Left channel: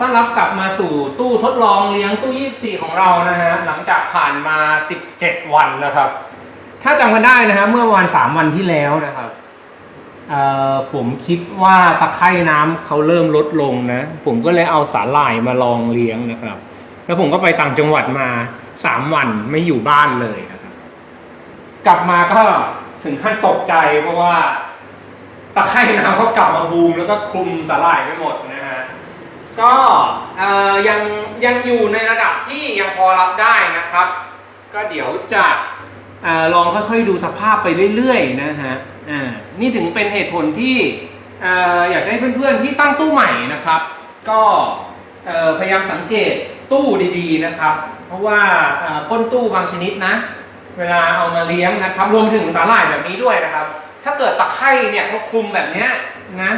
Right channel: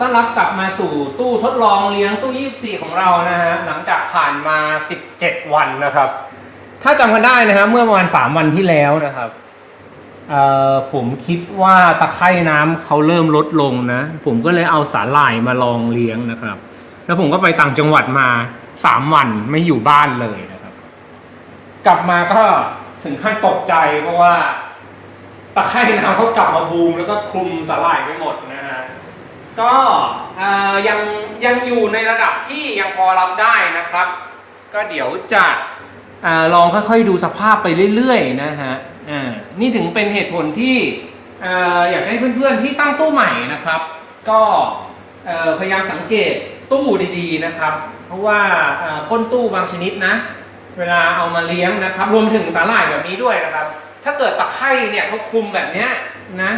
ต้อนรับกลับมาสู่ตู้ทดลองเลี้ยงตู้ 24 ของเรานะฮะหลังจากผ่านมา 17 วันนะครับ ถ้าจำกันได้นะฮะเมื่อประมาณ 3 วันที่แล้วนะครับผมคิดว่าตะไคร่น้ำเขาเริ่มลดลงนะ ผมก็เลยเอาสาหร่ายมาลองเลี้ยงนะครับ แล้วผมก็ไปต่างจังหวัดมา 3 วันไม่อยู่บ้านเลยนะครับ กลับมาก็ถึงขั้นตกใจเพราะว่าตะไคร่น้ำเขากลับมาบูมแล้วก็คลุมสาหร่ายไปหมดนะฮะ ก็ยังยังอยู่ในระดับที่ยังพอรับได้นะครับ ก็เดี๋ยวจะอลองค่อยๆดูสภาพไปเรื่อยๆนะฮะนี่ถึงเป็นเหตุผลที่ออยากให้เพื่อนๆที่ตั้งตู้ใหม่นะครับ ก็พยายามสังเกตตู้ดีๆนะครับ เพราะว่าก้นตู้บางชนิดนะ เวลาเอามาเลี้ยงนะครับ รวมถึงสาหร่ายแบบนี้ด้วยนะครับ ถ้าเกิดตะไคร่เนี่ยเขาคลุมแบบนี้นะ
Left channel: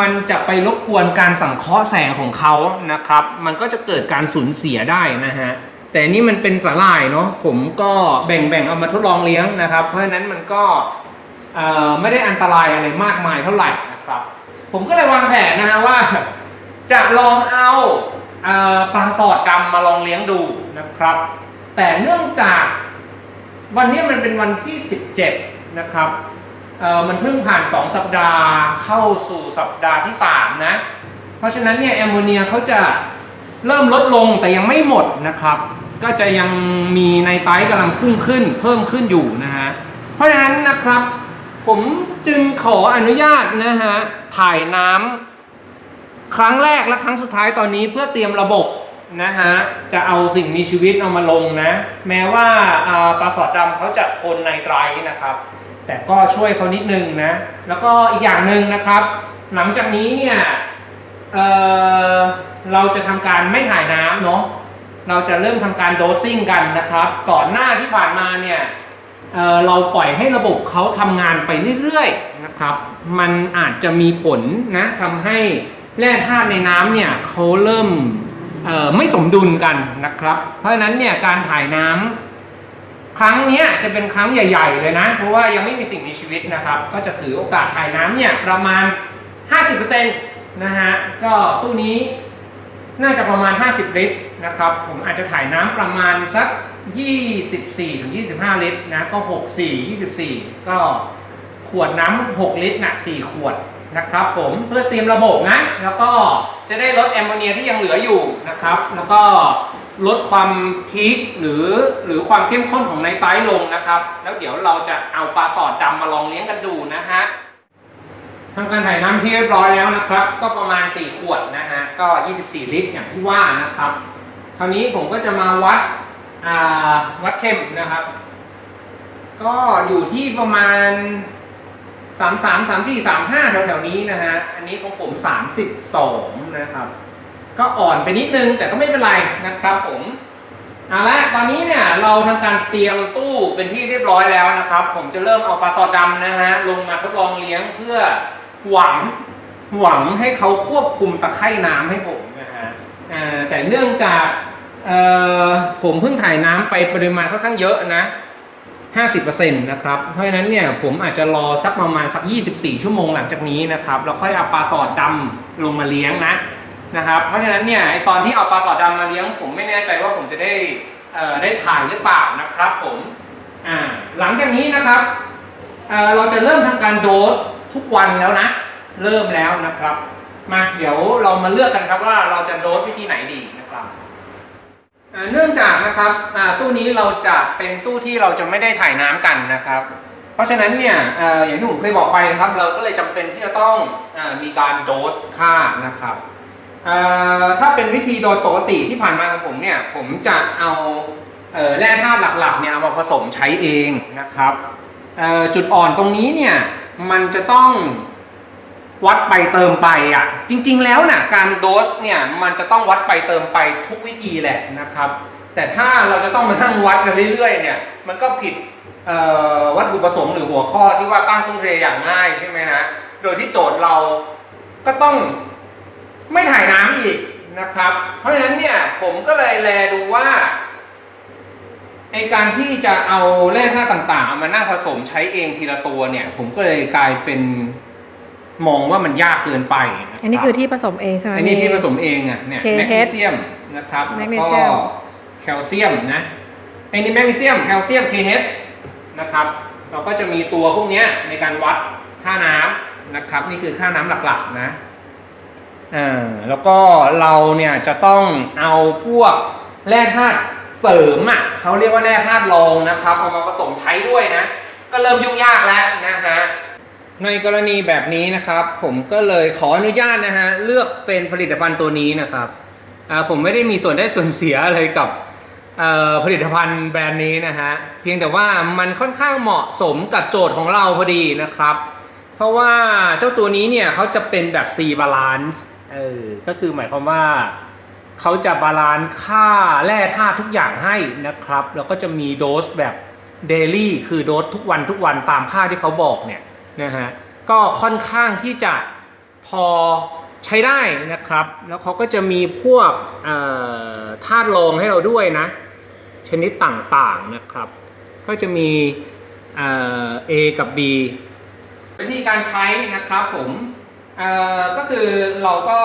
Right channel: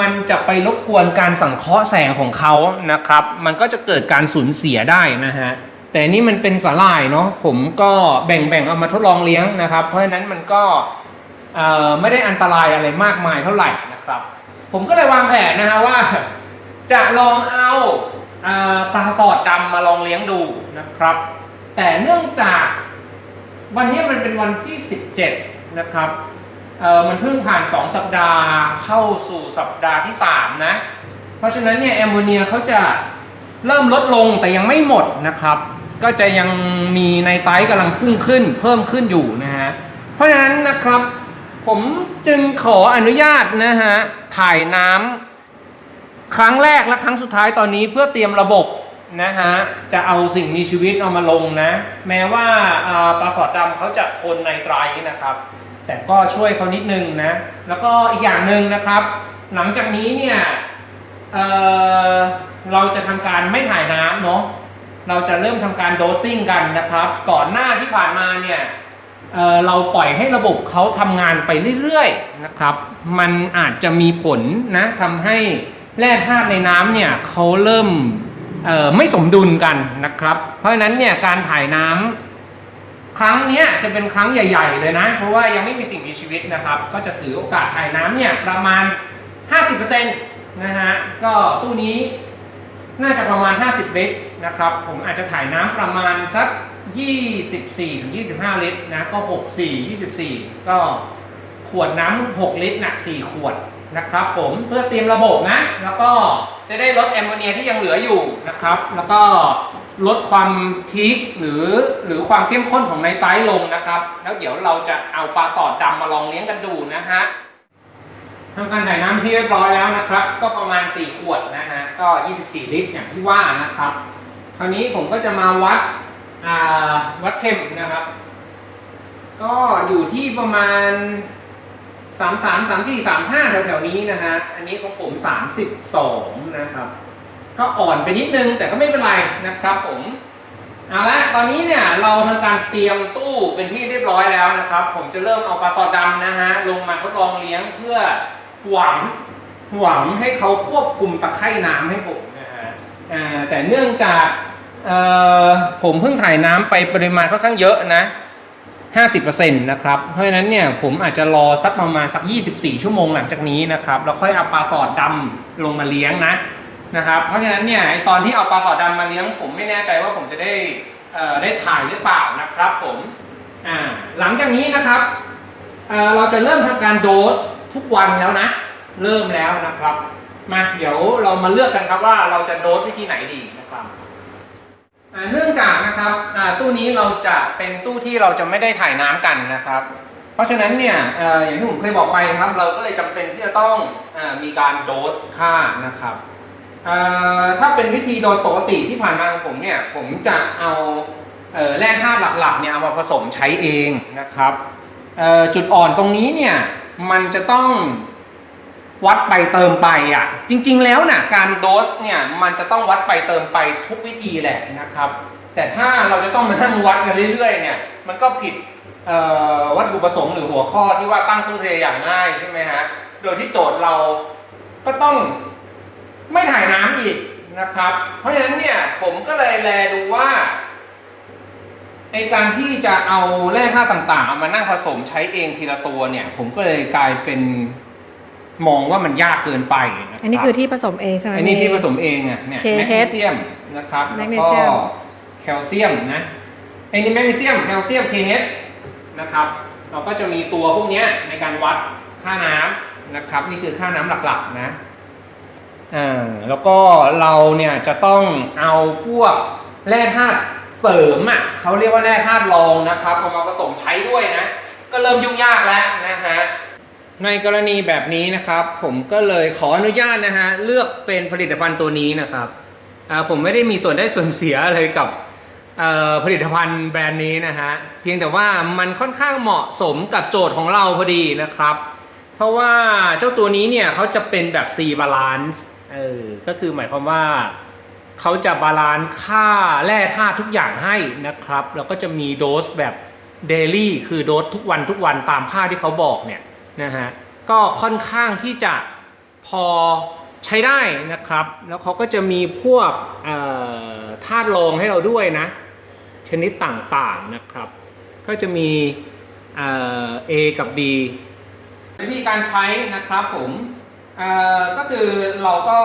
มันจะไปรบกวนการสังเคราะห์แสงของเขานะครับ มันก็จะเกิดการสูญเสียได้นะฮะ แต่นี่มันเป็นสาหร่ายเนาะ ผมก็แบ่งๆเอามาทดลองเลี้ยงนะครับ เพราะฉะนั้นมันก็ไม่ได้อันตรายอะไรมากมายเท่าไหร่นะครับ ผมก็เลยวางแผนนะฮะว่า จะลองเอาเอ่อปลาสอดดำมาลองเลี้ยงดูนะครับ แต่เนื่องจากวันนี้มันเป็นวันที่ 17 นะครับ เออมันเพิ่งผ่าน 2 สัปดาห์เข้าสู่สัปดาห์ที่ 3 นะ เพราะฉะนั้นเนี่ยแอมโมเนียเขาจะเริ่มลดลงแต่ยังไม่หมดนะครับ ก็จะยังมีในไตรกำลังพุ่งขึ้น เพิ่มขึ้นอยู่นะฮะ เพราะฉะนั้นนะครับ ผมจึงขออนุญาตนะฮะ ถ่ายน้ำครั้งแรกและครั้งสุดท้ายตอนนี้เพื่อเตรียมระบบนะฮะ จะเอาสิ่งมีชีวิตเอามาลงนะ แม้ว่าอ่าปลาสอดดำเขาจะทนในไตรนะครับ แต่ก็ช่วยเขานิดนึงนะ แล้วก็อีกอย่างหนึ่งนะครับ หลังจากนี้เนี่ยเเราจะทำการไม่ถ่ายน้ำเนาะเราจะเริ่มทำการโดสซิ่งกันนะครับ ก่อนหน้าที่ผ่านมาเนี่ยเเราปล่อยให้ระบบเขาทำงานไปเรื่อยๆนะครับ มันอาจจะมีผลนะทำให้แร่ธาตุในน้ำเนี่ยเขาเริ่มไม่สมดุลกันนะครับ เพราะฉะนั้นเนี่ยการถ่ายน้ำ ครั้งนี้จะเป็นครั้งใหญ่ ๆ เลยนะ เพราะว่ายังไม่มีสิ่งมีชีวิตนะครับ ก็จะถือโอกาสถ่ายน้ำเนี่ยประมาณ 50%นะฮะ ก็ตู้นี้น่าจะประมาณ 50 ลิตรนะครับ ผมอาจจะถ่ายน้ำประมาณสัก 24-25 ลิตรนะ ก็ 64 24 ก็ขวดน้ำ6 ลิตรนะ4ขวดนะครับผมเพื่อเตรียมระบบนะ แล้วก็จะได้ลดแอมโมเนียที่ยังเหลืออยู่นะครับ แล้วก็ ลดความพีคหรือหรือความเข้มข้นของไนไตรท์ลงนะครับ แล้วเดี๋ยวเราจะเอาปลาสอดดำมาลองเลี้ยงกันดูนะฮะทำการถ่ายน้ำที่เรียบร้อยแล้วนะครับ ก็ประมาณ 4 ขวดนะฮะก็ 24 ลิตรอย่างที่ว่านะครับ คราวนี้ผมก็จะมาวัดอ่าวัดเข็มนะครับ ก็อยู่ที่ประมาณสามสามสามสี่สามห้าแถวๆนี้นะฮะอันนี้ของผมสามสิบสองนะครับ ก็อ่อนไปนิดนึงแต่ก็ไม่เป็นไรนะครับผมเอาละตอนนี้เนี่ยเราทำการเตรียมตู้เป็นที่เรียบร้อยแล้วนะครับ ผมจะเริ่มเอาปลาซอดำนะฮะลงมาทดลองเลี้ยงเพื่อหวังหวังให้เขาควบคุมตะไคร่น้ำให้ผมนะฮะแต่เนื่องจากผมเพิ่งถ่ายน้ำไปปริมาณค่อนข้างเยอะนะ50%นะครับ เพราะฉะนั้นเนี่ยผมอาจจะรอสักประมาณสัก 24 ชั่วโมงหลังจากนี้นะครับ แล้วค่อยเอาปลาสอดดำลงมาเลี้ยงนะ นะครับ เพราะฉะนั้นเนี่ยไอตอนที่เอาปลาสอดดำมาเลี้ยง ผมไม่แน่ใจว่าผมจะได้ได้ถ่ายหรือเปล่านะครับ ผมหลังจากนี้นะครับเเราจะเริ่มทำการโดสทุกวันแล้วนะ เริ่มแล้วนะครับมาเดี๋ยวเรามาเลือกกันครับว่าเราจะโดสวิธีไหนดีนะครับเนื่องจากนะครับตู้นี้เราจะเป็นตู้ที่เราจะไม่ได้ถ่ายน้ำกันนะครับ เพราะฉะนั้นเนี่ยอย่างที่ผมเคยบอกไปนะครับ เราก็เลยจำเป็นที่จะต้องอมีการโดสค่านะครับ ถ้าเป็นวิธีโดยปกติที่ผ่านมาของผมเนี่ย ผมจะเอาเออแร่ธาตุหลักๆเนี่ยเอามาผสมใช้เองนะครับจุดอ่อนตรงนี้เนี่ยมันจะต้องวัดไปเติมไปอะจริง ๆแล้วน่ะการโดสเนี่ยมันจะต้องวัดไปเติมไปทุกวิธีแหละนะครับ แต่ถ้าเราจะต้องมานั่งวัดกันเรื่อยๆเนี่ยมันก็ผิดวัตถุประสงค์หรือหัวข้อที่ว่าตั้งตู้เทอย่างง่ายใช่ไหมฮะโดยที่โจทย์เราก็ต้อง ไม่ถ่ายน้ำอีกนะครับ เพราะฉะนั้นเนี่ยผมก็เลยแลดูว่าไอการที่จะเอาแร่ธาตุต่างๆ เอามานั่งผสมใช้เองทีละตัวเนี่ย ผมก็เลยกลายเป็นมองว่ามันยากเกินไปะรับอันนี้คือที่ผสมเองใช่ไหมอันนี้ที่มีผสมเองอะเนี่ย KH แมกนีเซียมนะครับแล้วแมกนีก็เซียมแคลเซียมนะไอ้นี่แมกนีเซียมแคลเซียม KH นะครับ เราก็จะมีตัวพวกเนี้ยในการวัดค่าน้ำนะครับ นี่คือค่าน้ำหลักๆนะ อ่าแล้วก็เราเนี่ยจะต้องเอาพวกแร่ธาตุเสริมอะเขาเรียกว่าแร่ธาตุรองนะครับเอามาผสมใช้ด้วยนะ ก็เริ่มยุ่งยากแล้วนะฮะในกรณีแบบนี้นะครับ ผมก็เลยขออนุญาตนะฮะเลือกเป็นผลิตภัณฑ์ตัวนี้นะครับผมไม่ได้มีส่วนได้ส่วนเสียอะไรกับผลิตภัณฑ์แบรนด์นี้นะฮะเพียงแต่ว่ามันค่อนข้างเหมาะสมกับโจทย์ของเราพอดีนะครับ เพราะว่าเจ้าตัวนี้เนี่ยเขาจะเป็นแบบ C balance เออก็คือหมายความว่าเขาจะบาลานซ์ค่าแร่ธาตุทุกอย่างให้นะครับ แล้วก็จะมีโดสแบบเดลี่คือโดสทุกวันทุกวันตามค่าที่เขาบอกเนี่ยนะฮะก็ค่อนข้างที่จะพอใช้ได้นะครับ แล้วเขาก็จะมีพวกธาตุรองให้เราด้วยนะ ชนิดต่างๆนะครับ ก็จะมีเอกับ B วิธีการใช้นะครับผม ก็คือเราก็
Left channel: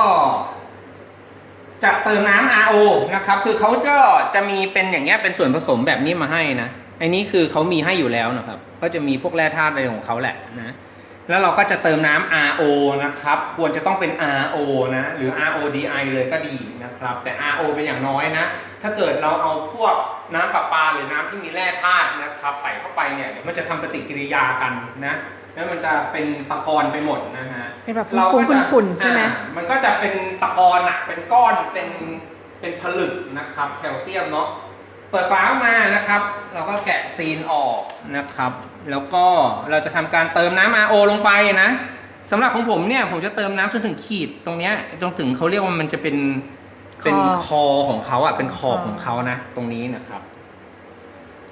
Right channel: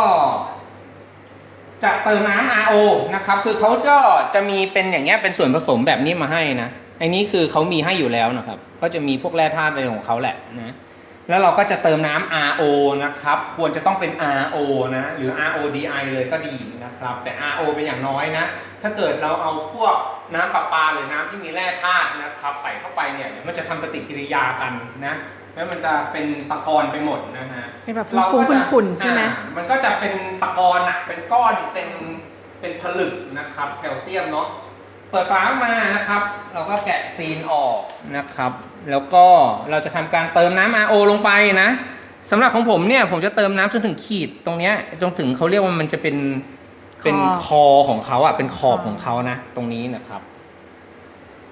จะเติมน้ำ RO นะครับ คือเขาก็จะมีเป็นอย่างเงี้ยเป็นส่วนผสมแบบนี้มาให้นะอันนี้คือเขามีให้อยู่แล้วนะครับ ก็จะมีพวกแร่ธาตุอะไรของเขาแหละนะ แล้วเราก็จะเติมน้ำ RO นะครับ ควรจะต้องเป็น RO นะ หรือ RODI เลยก็ดีนะครับ แต่ RO เป็นอย่างน้อยนะ ถ้าเกิดเราเอาพวกน้ำประปาหรือน้ำที่มีแร่ธาตุนะครับ ใส่เข้าไปเนี่ยเดี๋ยวมันจะทำปฏิกิริยากันนะ แล้วมันจะเป็นตะกอนไปหมดนะฮะเป็นแบบเราฟุ้ก็งจะๆขุ่นๆใช่ไหมอ่ามันก็จะเป็นตะกอนอะเป็นก้อนเป็นเป็นผลึกนะครับแคลเซียมเนาะเปิดฝาออกมานะครับ เราก็แกะซีนออกนะครับ แล้วก็เราจะทำการเติมน้ำ RO ลงไปนะสำหรับของผมเนี่ยผมจะเติมน้ำจนถึงขีดตรงเนี้ยจนถึงเขาเรียกว่ามันจะเป็นเป็นคอของเขาอะเป็นขอบของเขานะ ตรงนี้นะครับ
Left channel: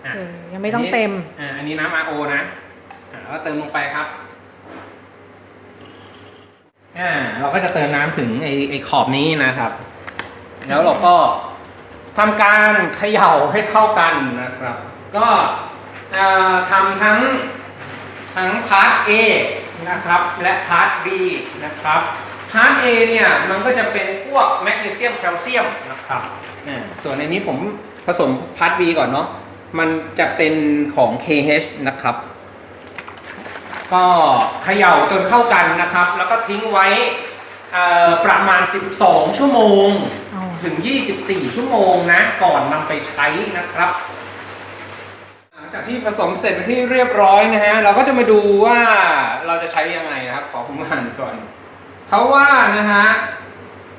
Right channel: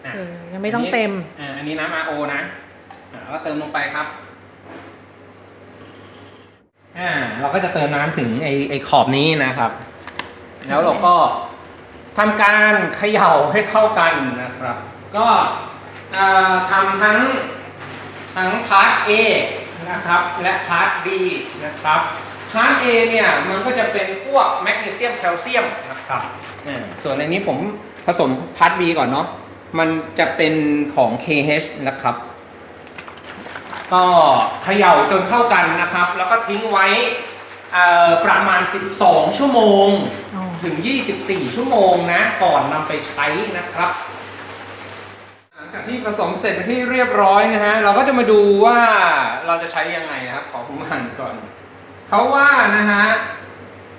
อะเออยังไม่ต้องเต็มอ่าอันนี้น้ำ RO นะอ่า แล้วก็เติมลงไปครับอ่าเราก็จะเติมน้ำถึงไอไอขอบนี้นะครับ แล้วเราก็ทำการเขย่าให้เข้ากันนะครับ ก็เอ่อทำทั้งทั้งพาร์ท A นะครับ และพาร์ท B นะครับพาร์ท A เนี่ยมันก็จะเป็นพวกแมกนีเซียมแคลเซียมนะครับอ่ส่วนในนี้ผมผสมพาร์ท B ก่อนเนาะมันจะเป็นของ KH นะครับ ก็เขย่าจนเข้ากันนะครับ แล้วก็ทิ้งไว้เอ่อประมาณ 12 ชั่วโมงอ๋อถึง 24 ชั่วโมงนะ ก่อนนำไปใช้นะครับ หลังจากที่ผสมเสร็จเป็นที่เรียบร้อยนะฮะ เราก็จะมาดูว่าเราจะใช้ยังไงนะครับ ขอผมอ่านก่อน เขาว่านะฮะ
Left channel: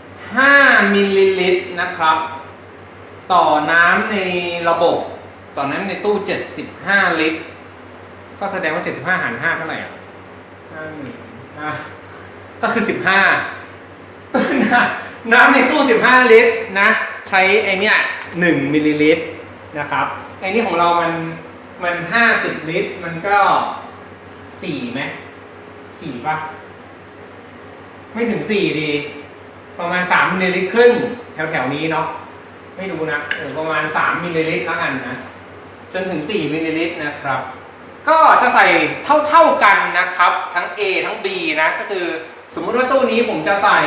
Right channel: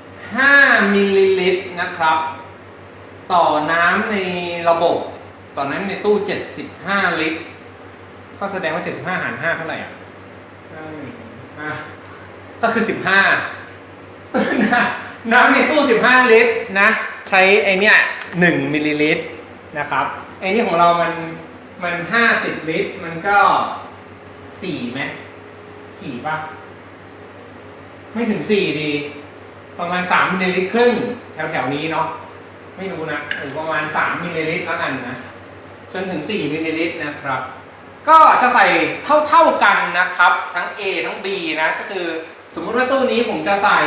5 มิลลิลิตรนะครับ ต่อน้ำในระบบ ต่อน้ำในตู้ 75 ลิตร ก็แสดงว่า75หาร5เท่าไหร่อะห้าหนึ่อะก็คือ15น้ำน้ำในตู้15ลิตรนะ ใช้ไอเนี้ย1มิลลิลิตรนะครับไอนี้ของเรามันมัน50ลิตร มันก็4ไหม4ป่ะ ไม่ถึง4ดี ประมาณ3มิลลิลิตรครึ่งแถวๆนี้เนาะไม่รู้นะเออประมาณ3มิลลิลิตรแล้วกันนะ จนถึง4มิลลิลิตรนะครับ ก็จะใส่เท่าๆกันนะครับ ทั้ง A ทั้ง B นะก็คือสมมติว่าตู้นี้ผมจะใส่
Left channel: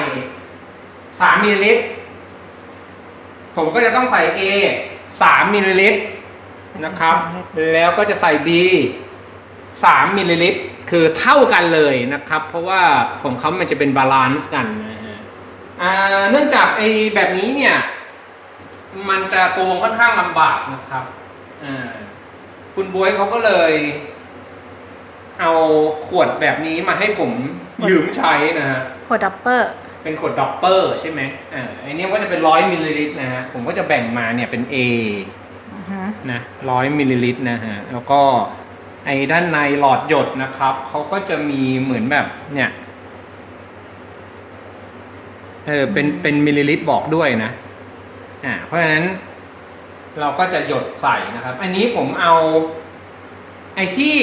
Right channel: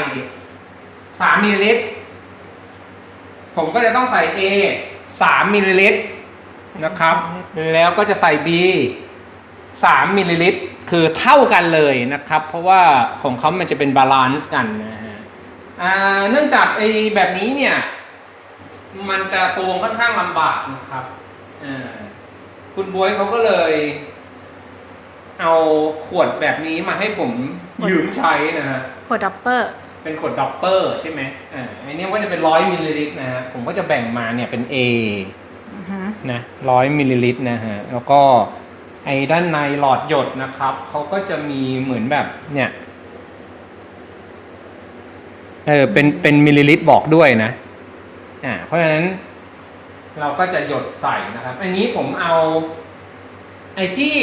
3มิลลิลิตรผมก็จะต้องใส่ A 3มิลลิลิตรนะครับ แล้วก็จะใส่ B 3มิลลิลิตรคือเท่ากันเลยนะครับ เพราะว่าของเขามันจะเป็นบาลานซ์กันนะฮะอ่าเนื่องจากไอ้แบบนี้เนี่ย มันจะตวงค่อนข้างลำบากนะครับอ่า คุณบวยเขาก็เลย เอาขวดแบบนี้มาให้ผมยืมใช้นะฮะโคดับเปอร์ เป็นขวดด็อปเปอร์ใช่ไหมอ่าอันนี้ก็จะเป็นร้อยมิลลิลิตรนะฮะ ผมก็จะแบ่งมาเนี่ยเป็น A อือฮึนะร้อยมิลลิลิตรนะฮะ แล้วก็ไอ้ด้านในหลอดหยดนะครับ เขาก็จะมีเหมือนแบบเนี่ยเออเป็นเป็นมิลลิลิตรบอกด้วยนะอ่าเพราะฉะนั้น เราก็จะหยดใส่นะครับ อันนี้ผมเอา ไอ้ที่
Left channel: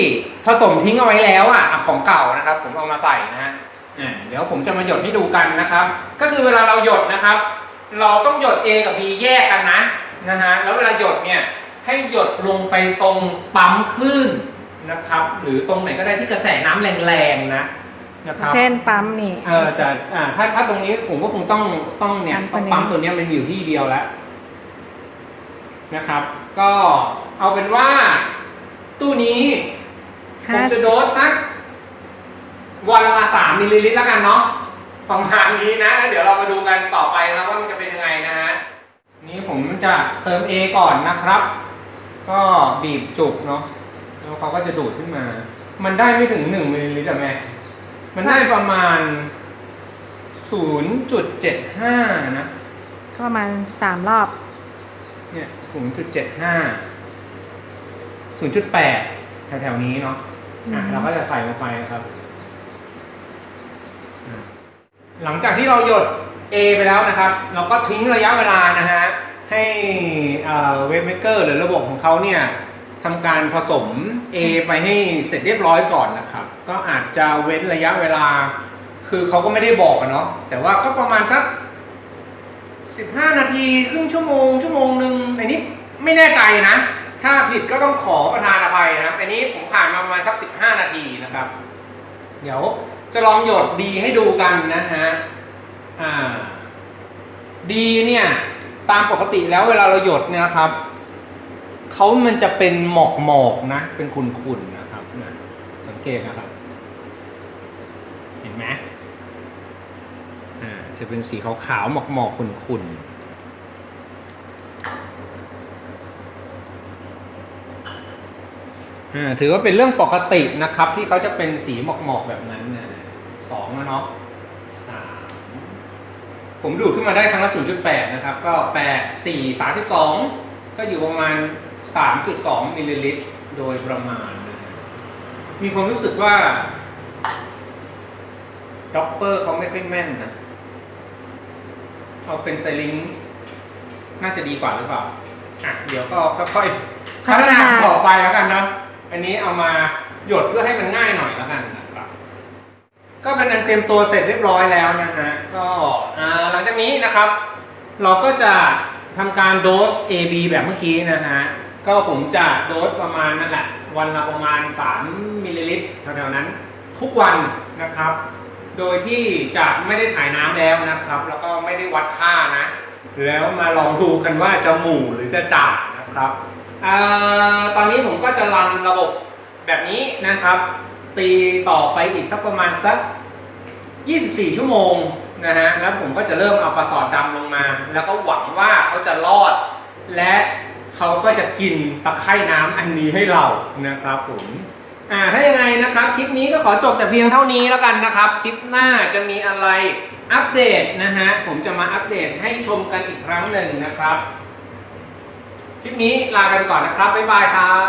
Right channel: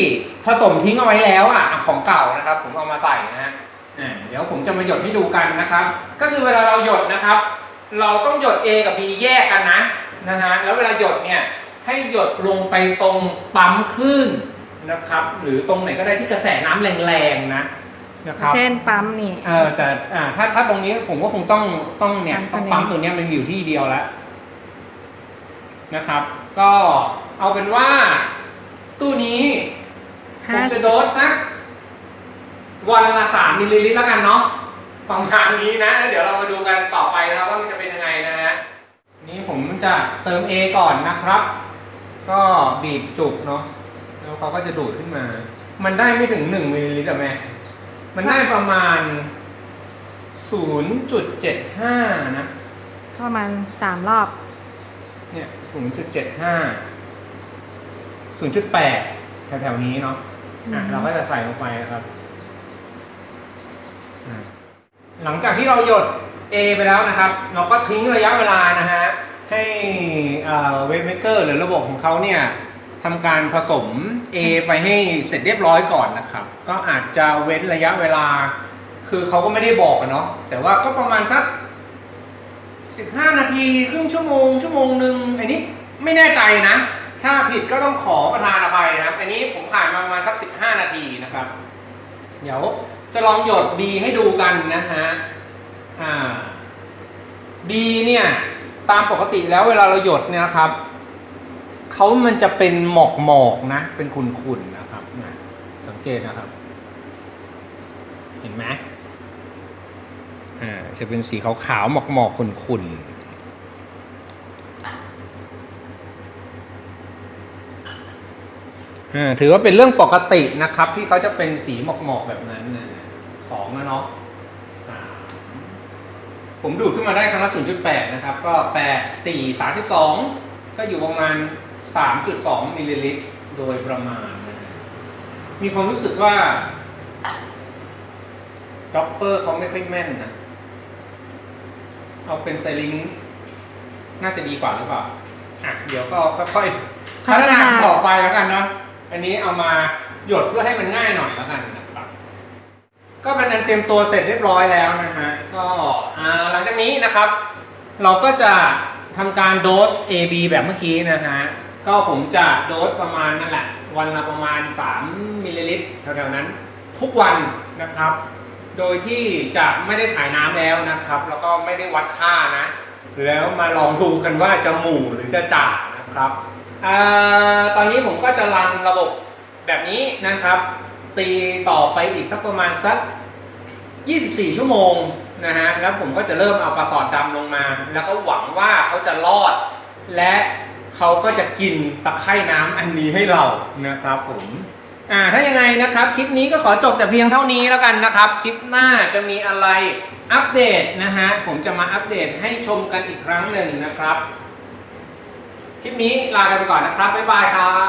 ผสมทิ้งเอาไว้แล้วอะอะของเก่านะครับ ผมเอามาใส่นะฮะอ่าเดี๋ยวผมจะมาหยดให้ดูกันนะครับ ก็คือเวลาเราหยดนะครับ เราต้องหยด A กับ B แยกกันนะนะฮะแล้วเวลาหยดเนี่ยให้หยดลงไปตรงปั๊มคลื่นนะครับ หรือตรงไหนก็ได้ที่กระแสน้ำแรงๆนะนะครับเช่นปั๊มนี่เออแต่อ่าถ้าถ้าตรงนี้ผมก็คงต้องต้องเนี่ยปั๊ต้องมตัวนี้ปั๊มตัวเนี้ยมันอยู่ที่เดียวแล้ว นะครับ ก็เอาเป็นว่า ตู้นี้ผห้ามจะโดสสักวันละสามมิลลิลิตรแล้วกันเนาะประมาณนี้นะแล้วเดี๋ยวเรามาดูกันต่อไปนะครับว่ามันจะเป็นยังไงนะฮะนี่ผมจะเติม A ก่อนนะครับ ก็บีบจุกเนาะแล้วเขาก็จะดูดขึ้นมา มันได้ไม่ถึงหนึ่งมิลลิลิตรอะแม่มันได้ประมาณ0.75นะ ก็ประมาณสามรอบ เนี่ย 0.75 0.8 แถวๆนี้เนาะอะอืมเราก็จะใส่ลงไปนะครับอะหลังจากที่เราหยด A ไปแล้วนะครับ เราก็ทิ้งระยะเวลานะฮะ ให้เวฟเมเกอร์หรือระบบของเขาเนี่ยทำการผสม A ไปให้เสร็จเรียบร้อยก่อนนะครับ ก็อาจจะเว้นระยะเวลา คือเขาก็ไม่ได้บอกอะเนาะแต่ว่าก็ประมาณสัก 15 นาทีครึ่งชั่วโมง ชั่วโมงหนึ่งอันนี้ไม่แน่ใจนะ ถ้าผิดก็ต้องขอประธานอภัยนะครับอันนี้ผมผ่านมาประมาณสัก 15 นาทีนะครับ เดี๋ยวจะลองหยดดีให้ดูกันนะฮะอ่าดีเนี่ยตามปกติแล้วเวลาเราหยดเนี่ยนะครับเขามันจะเป็นหมอกหมอกนะ เป็นขุ่นๆนะครับนะสังเกตนะครับ เห็นไหม อ่าจะเป็นสีขาวๆหมอกหมอกๆขุ่นๆถือว่าเป็นเรื่องปกตินะครับ ที่เขาจะเป็นสีหมอกๆแบบนั้นนะสองนะเนาะสามผมดูดขึ้นมาได้ครั้งละ0.8นะครับ ก็8 4 32ก็อยู่ประมาณ3.2มิลลิลิตรโดยประมาณนะมีความรู้สึกว่าด็อปเปอร์เขาไม่ค่อยแม่นนะ เอาเป็นไซลิงค์น่าจะดีกว่าหรือเปล่าอะเดี๋ยวก็ค่อยๆพัฒนาต่อไปแล้วกันเนาะอันนี้เอามาหยดเพื่อให้มันง่ายหน่อยแล้วกันนะครับก็เป็นอันเตรียมตัวเสร็จเรียบร้อยแล้วนะฮะก็อ่าหลังจากนี้นะครับ เราก็จะทำการโดส AB แบบเมื่อกี้นะฮะก็ผมจะโดสประมาณนั่นแหละ วันละประมาณ 3 มิลลิลิตรแถวๆนั้นทุกวันนะครับ โดยที่จะไม่ได้ถ่ายน้ำแล้วนะครับ แล้วก็ไม่ได้วัดค่านะ แล้วมาลองดูกันว่าจะหมู่หรือจะจ่านะครับอตอนนี้ผมก็จะรันระบบแบบนี้นะครับ ตีต่อไปอีกสักประมาณสัก 24 ชั่วโมงนะฮะแล้วผมก็จะเริ่มเอาปลาสอดดำลงมา แล้วก็หวังว่าเขาจะรอด และเขาก็จะกินตะไคร่น้ำอันนี้ให้เรานะครับผม อ่าถ้ายังไงนะครับ คลิปนี้ก็ขอจบแต่เพียงเท่านี้แล้วกันนะครับ คลิปหน้าจะมีอะไรอัปเดตนะฮะผมจะมาอัปเดตให้ชมกันอีกครั้งหนึ่งนะครับ คลิปนี้ลากันไปก่อนนะครับบ๊ายบายครับ